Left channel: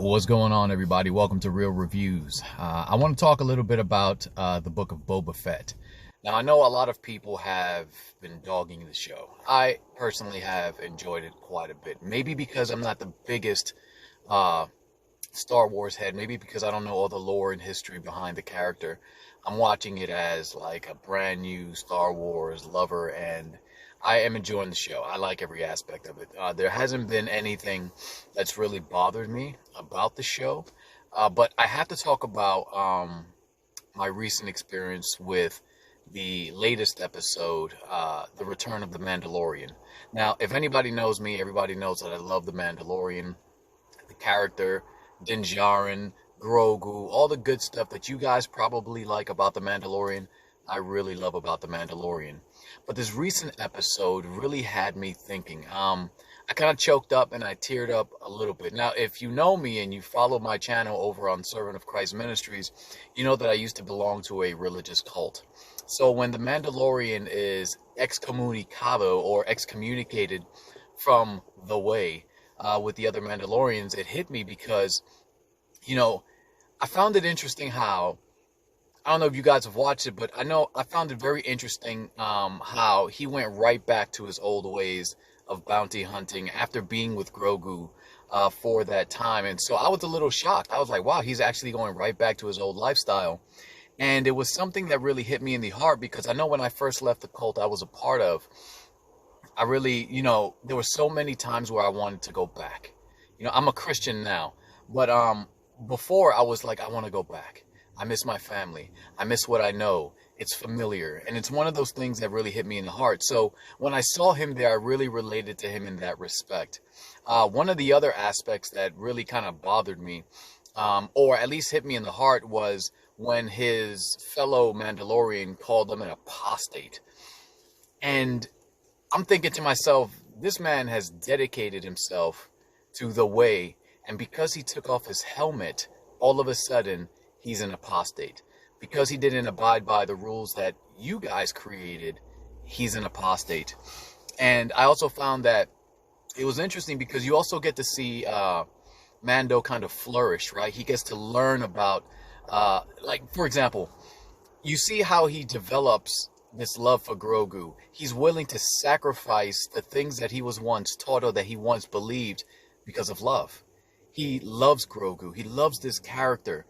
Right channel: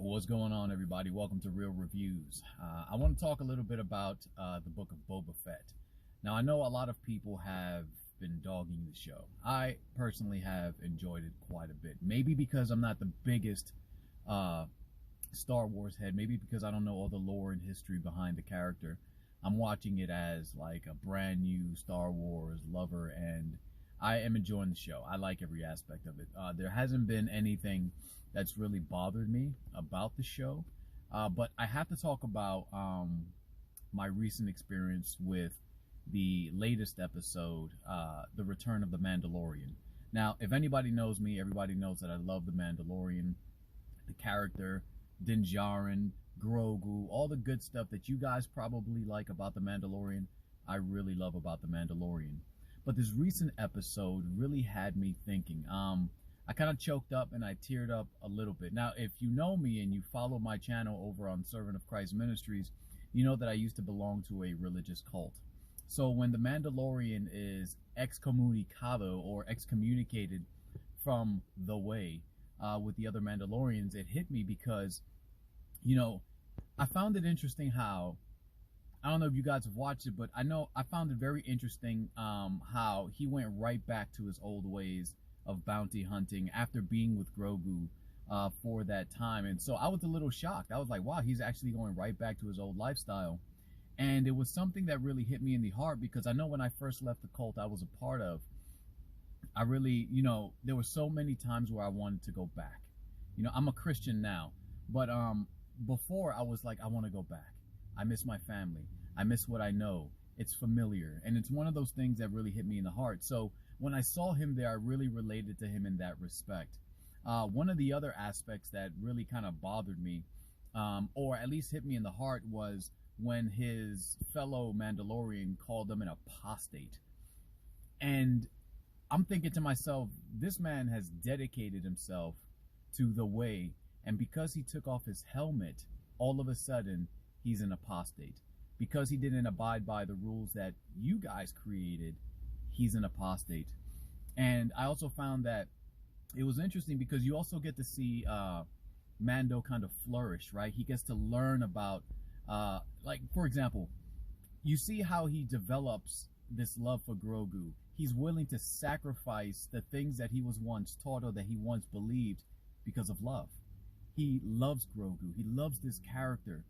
What's going on, everybody? Welcome to Real Reviews. I want to talk a little bit about the book of Boba Fett. Now, I know a lot of people have been dogging the show. I personally have enjoyed it quite a bit. Maybe because I'm not the biggest Star Wars head. Maybe because I don't know all the lore and history behind the character. I'm watching it as like a brand new Star Wars lover, and I am enjoying the show. I like every aspect of it. There hasn't been anything that's really bothered me about the show. But I have to talk about my recent experience with the latest episode, The Return of the Mandalorian. Now, if anybody knows me, everybody knows that I love the Mandalorian, the character, Din Djarin, Grogu, all the good stuff that you guys probably like about the Mandalorian. I really love about the Mandalorian. But this recent episode really had me thinking. I kind of choked up and I teared up a little bit. Now, if you know me and you follow my channel over on Servant of Christ Ministries, you know that I used to belong to a religious cult. So when the Mandalorian is excommunicado or excommunicated from the way with the other Mandalorians, it hit me because, you know, I found it interesting how, I don't know if you guys have watched it, but I found it very interesting how he went right back to his old ways of bounty hunting after being with Grogu for that time. And so I was a little shocked. I was like, wow, he's actually going right back to his old lifestyle. And it was something that really hit me in the heart, because I know when I first left the cult I was a part of, I really, there were so many times where I wanted to go back. I'm a Christian now, but before I was like, I want to go back. I miss my family. I miss what I know. It's familiar. And it's one of those things that really hit me in the heart. So when I saw him there, I really related to him in that respect. One of the other aspects that really kind of bothered me, or at least hit me in the heart, was when his fellow Mandalorian called him an apostate. And I'm thinking to myself, this man has dedicated himself to the way. And because he took off his helmet, all of a sudden, he's an apostate. Because he didn't abide by the rules that you guys created, he's an apostate. And I also found that it was interesting because you also get to see Mando kind of flourish, right? He gets to learn about, like, for example, you see how he develops this love for Grogu. He's willing to sacrifice the things that he was once taught or that he once believed because of love. He loves Grogu. He loves this character.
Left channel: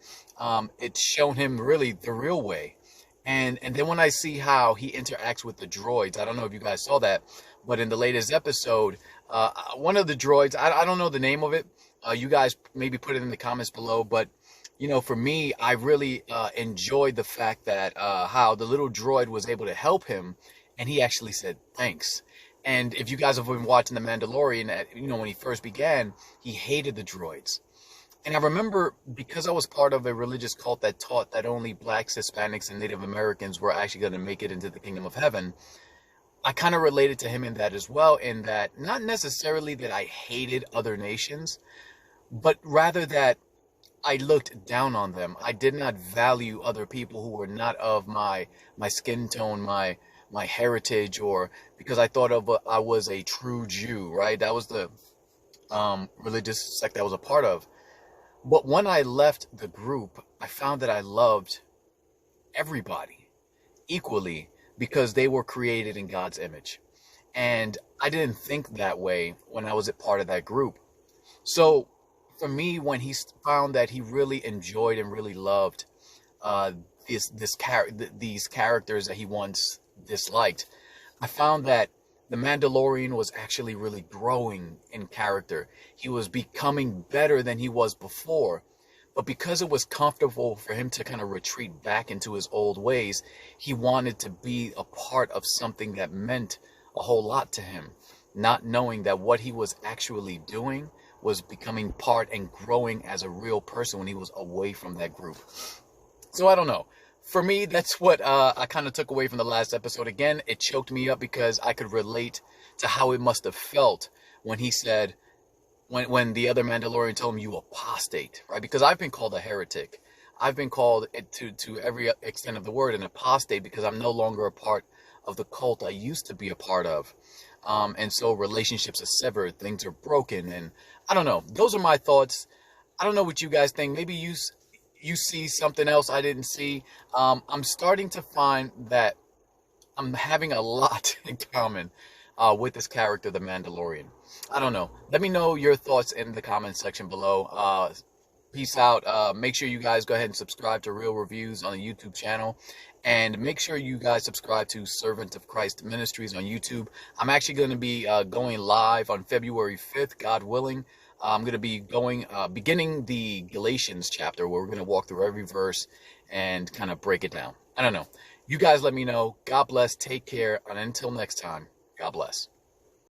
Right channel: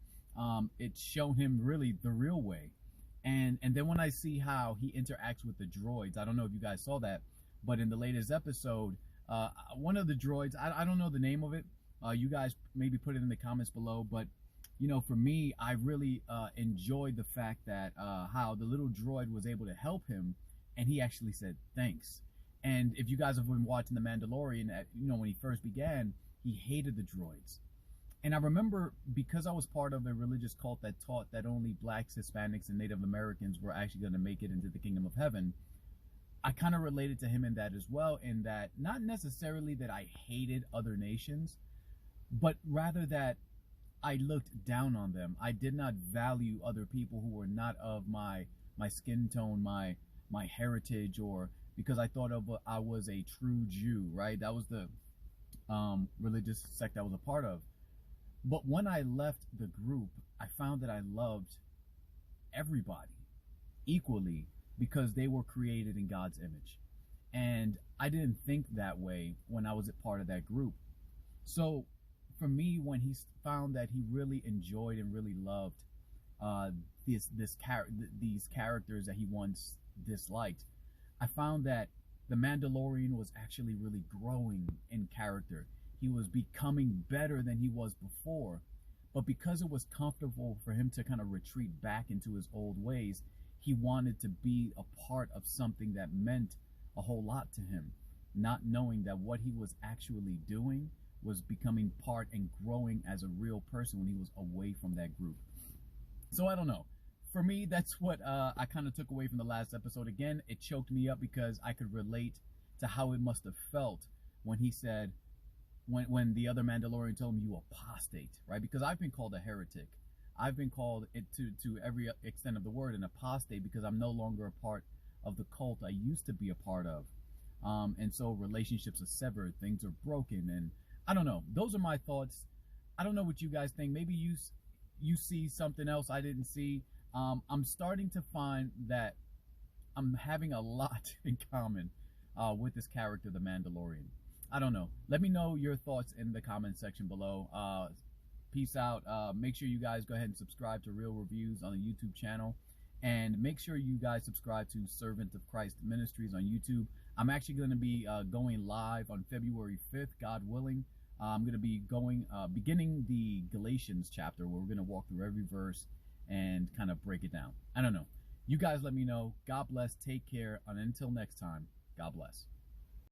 It's shown him really the real way. And then when I see how he interacts with the droids, I don't know if you guys saw that, but in the latest episode, one of the droids, I don't know the name of it. You guys maybe put it in the comments below. But, for me, I really enjoyed the fact that how the little droid was able to help him. And he actually said, thanks. And if you guys have been watching The Mandalorian, when he first began, he hated the droids. And I remember, because I was part of a religious cult that taught that only blacks, Hispanics, and Native Americans were actually going to make it into the kingdom of heaven, I kind of related to him in that as well, in that not necessarily that I hated other nations, but rather that I looked down on them. I did not value other people who were not of my skin tone, my heritage, or because I thought I was a true Jew, right? That was the religious sect I was a part of. But when I left the group, I found that I loved everybody equally because they were created in God's image. And I didn't think that way when I was a part of that group. So for me, when he found that he really enjoyed and really loved these characters that he once disliked, I found that the Mandalorian was actually really growing in character. He was becoming better than he was before. But because it was comfortable for him to kind of retreat back into his old ways, he wanted to be a part of something that meant a whole lot to him, not knowing that what he was actually doing was becoming part and growing as a real person when he was away from that group. So I don't know. For me, that's what I kind of took away from the last episode. Again, it choked me up because I could relate to how it must have felt when he said, when the other Mandalorian told him, you apostate, right? Because I've been called a heretic. I've been called, to every extent of the word, an apostate, because I'm no longer a part of the cult I used to be a part of. And so relationships are severed, things are broken, and I don't know. Those are my thoughts. I don't know what you guys think. Maybe you see something else I didn't see. I'm starting to find that I'm having a lot in common with this character, the Mandalorian. I don't know. Let me know your thoughts in the comment section below. Peace out. Make sure you guys go ahead and subscribe to Real Reviews on the YouTube channel. And make sure you guys subscribe to Servant of Christ Ministries on YouTube. I'm actually going to be going live on February 5th, God willing. I'm going to be beginning the Galatians chapter, where we're going to walk through every verse and kind of break it down. I don't know. You guys let me know. God bless. Take care. And until next time, God bless.